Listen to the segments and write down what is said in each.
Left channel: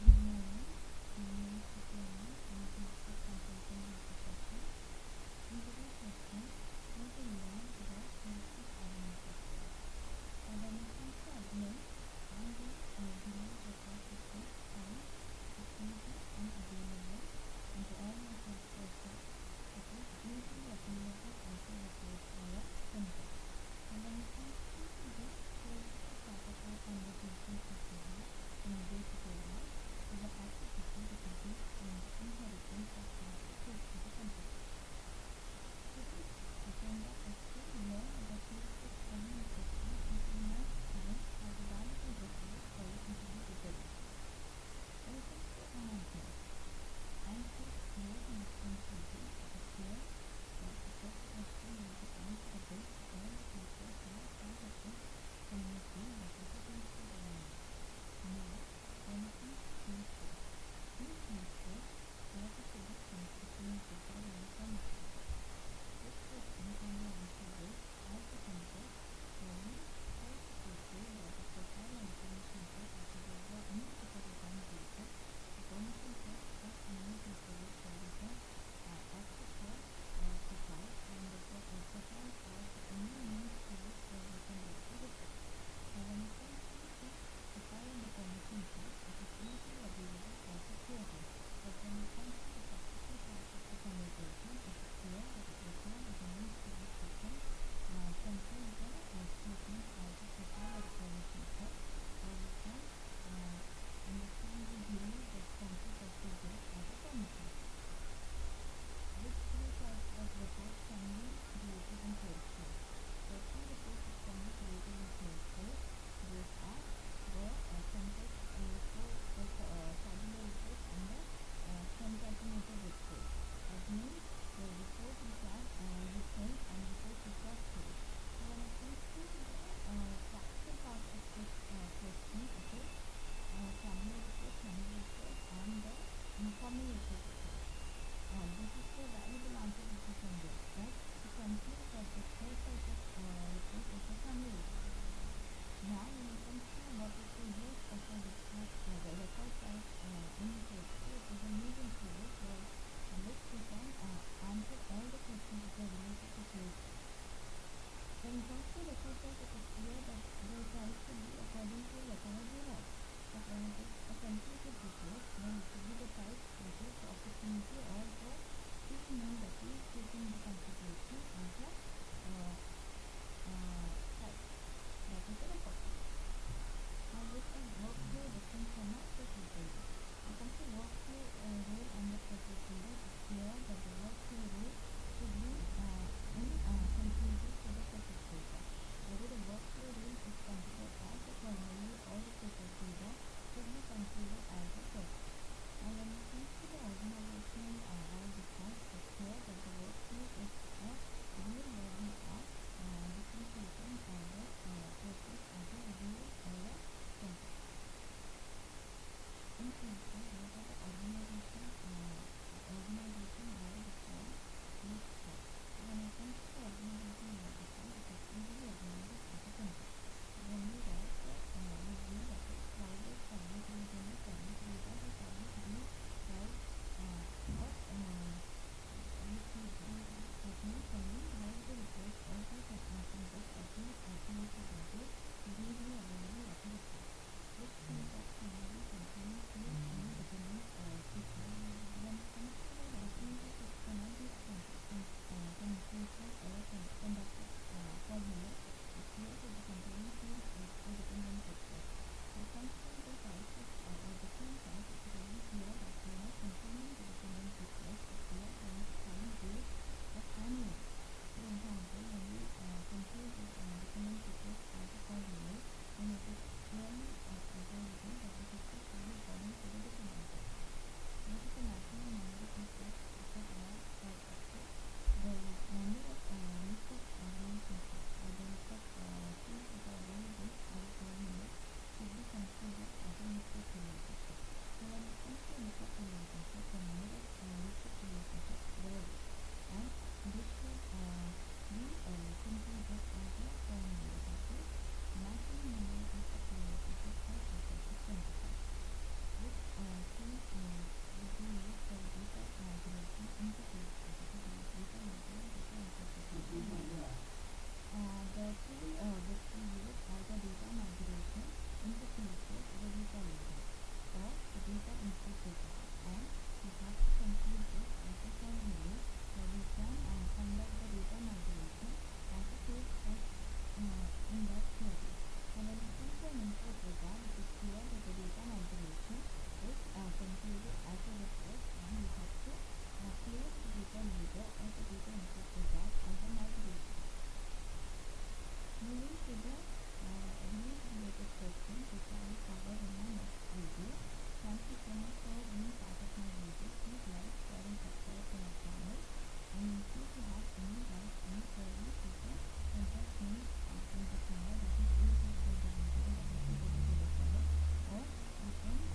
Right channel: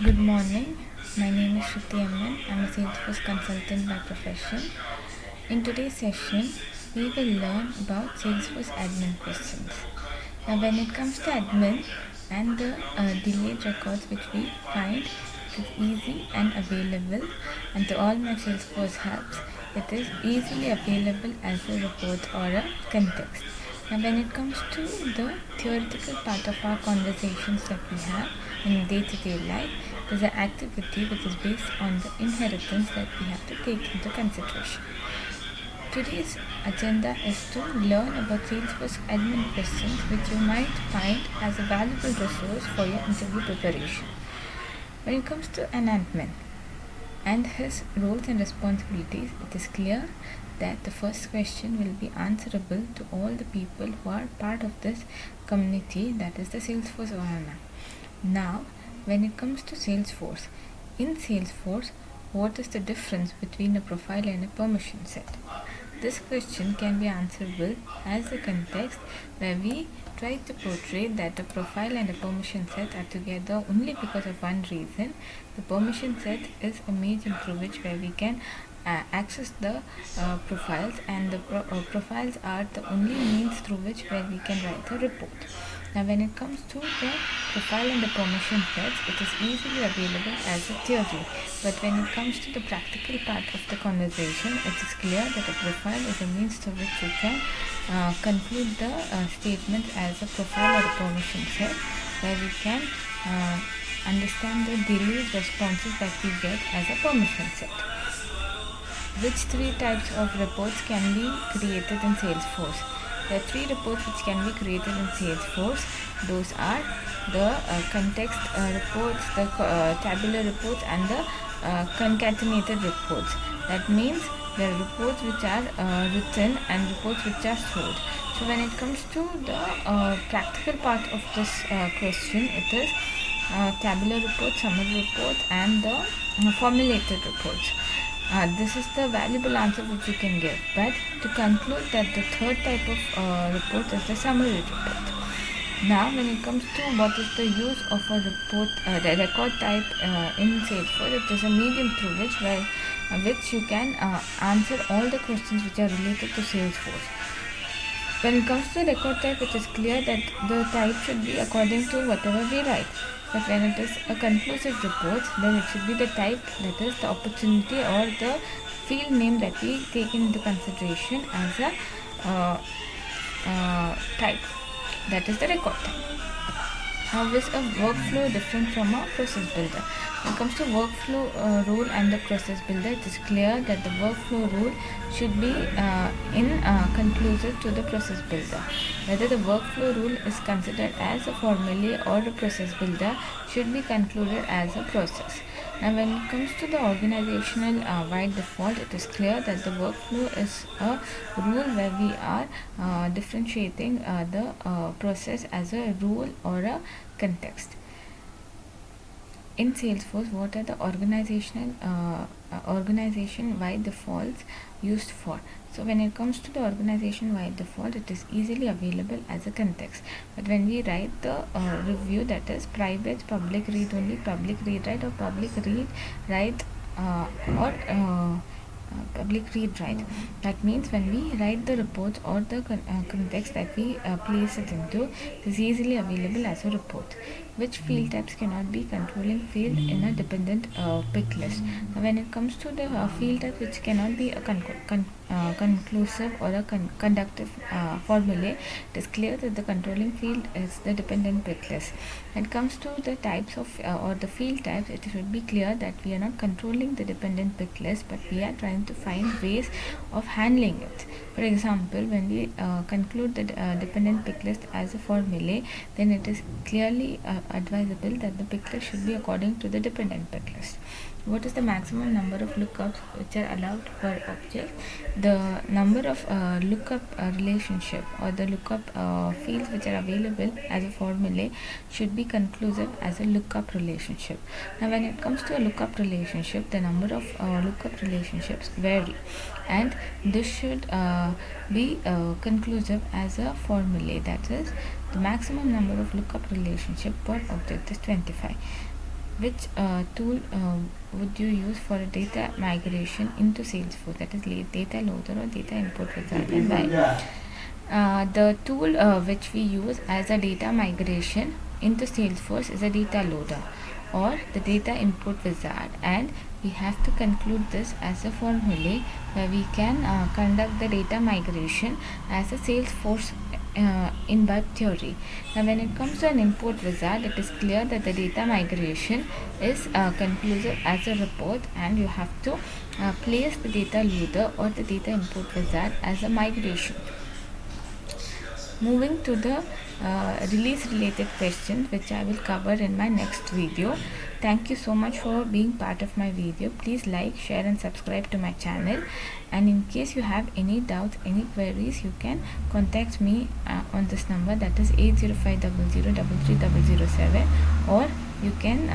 Good morning. My name is Shruti Amman. I'm a Salesforce consultant by profession. In today's session, we will learn about Salesforce admin questions. Now, when it comes to admin and the delayed records which we find, it is easy and available, and to all my Salesforce helps, it is easily available as a report or a context. Now, when it comes to the theoretical part of our conversations that we have in day-to-day life, is an activity which is based on the inheritance that we have to take into consideration. Today's agenda is to learn about Salesforce admin questions which you might find as a valuable resource for your interview preparation. When it comes to an admin and his roles and responsibilities, it is clear that the first question will be answerable to all the people who are part of this community, that is the Salesforce environment. Now, when it comes to Salesforce, in Salesforce, what is the difference between a profile and a permission set? This question can be answerable as a context where we try to portray that a profile and a permission set are together only because of one reason. The permission set is a medium through which where we can access the profiles, and the profiles are the only means through which where we can write a report. Now, when it comes to the profile and the permission sets, it is easily available as a theory. But when it comes to the practical part of the conversation, it is clear that a profile is a means through which you can conclude the statement as a profile or a permission set, where we can understand the delayed responses that we get as a permission set. Which three types of reports can be created in Salesforce? There are three reports which can be created in Salesforce. Those are the context reports, the tabular reports, and the concatenated reports. That means there are reports which are written and reports which are stored. So when it comes to the practical part of this question, it is tabular reports, summary reports, and the formulated reports. This is the valuable answer which you can give. But to conclude that the third type of report is the summary report. Now, when it comes to what is the use of a report, the record type in Salesforce, it is a medium through which you can answer all the questions which are related to Salesforce. When it comes to record type, it is clear that the type should be according to whatever we write. But when it is a conclusive report, then it should be the type, that is the opportunity or the field name that we take into consideration as a type, that is the record type. How is a workflow different from a process builder? When it comes to workflow rule and the process builder, it is clear that the workflow rule should be conclusive to the process builder. Whether the workflow rule is considered as a formulae or a process builder should be concluded as a process. Now, when it comes to the organizational wide default, it is clear that the workflow is a rule where we are differentiating the process as a rule or a context. In Salesforce, what are the organization-wide defaults used for? So when it comes to the organization-wide default, it is easily available as a context. But when we write the review, that is private, public read only, public read write, or public read write or public read write. That means when we write the report or the context that we place it into, it is easily available as a report. Which field types cannot be controlling field in a dependent pick list? Now, when it comes to the field type which cannot be a conclusive or a conductive formulae, it is clear that the controlling field is the dependent pick list. When it comes to the types of or the field types, it should be clear that we are not controlling the dependent pick list, but we are trying to find ways of handling it. For example, when we conclude the dependent pick list as a formulae, then it is clearly advisable that the pick list should be according to the dependent pick list. What is the maximum number of lookups which are allowed per object? The number of lookup relationship or the lookup fields which are available as a formulae should be conclusive as a lookup relationship. Now, when it comes to a lookup relationship, the number of lookup relationships vary, and this should be conclusive as a formulae, that is the maximum number of lookup relationship per object is 25. which tool would you use for a data migration into Salesforce, that is data loader or data import wizard, and why? The tool which we use as a data migration into Salesforce is a data loader or the data input wizard, and we have to conclude this as a formulae where we can conduct the data migration as a Salesforce in web theory. Now when it comes to an import wizard, it is clear that the data migration is conclusive as a report, and you have to place the data loader or the data import wizard as a migration. Moving to the release related questions, which I will cover in my next video. Thank you so much for being part of my video. Please like, share and subscribe to my channel, and in case you have any doubts, any queries, you can contact me on this number, that is 80500330007, or you can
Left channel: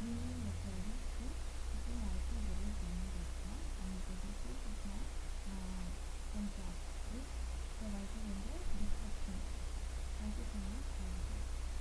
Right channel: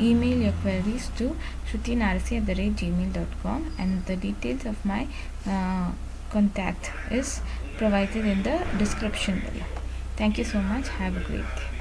email your queries to shrutinarasi@gmail.com, and the details of my contact is provided in the description below. Thank you so much. Have a great day.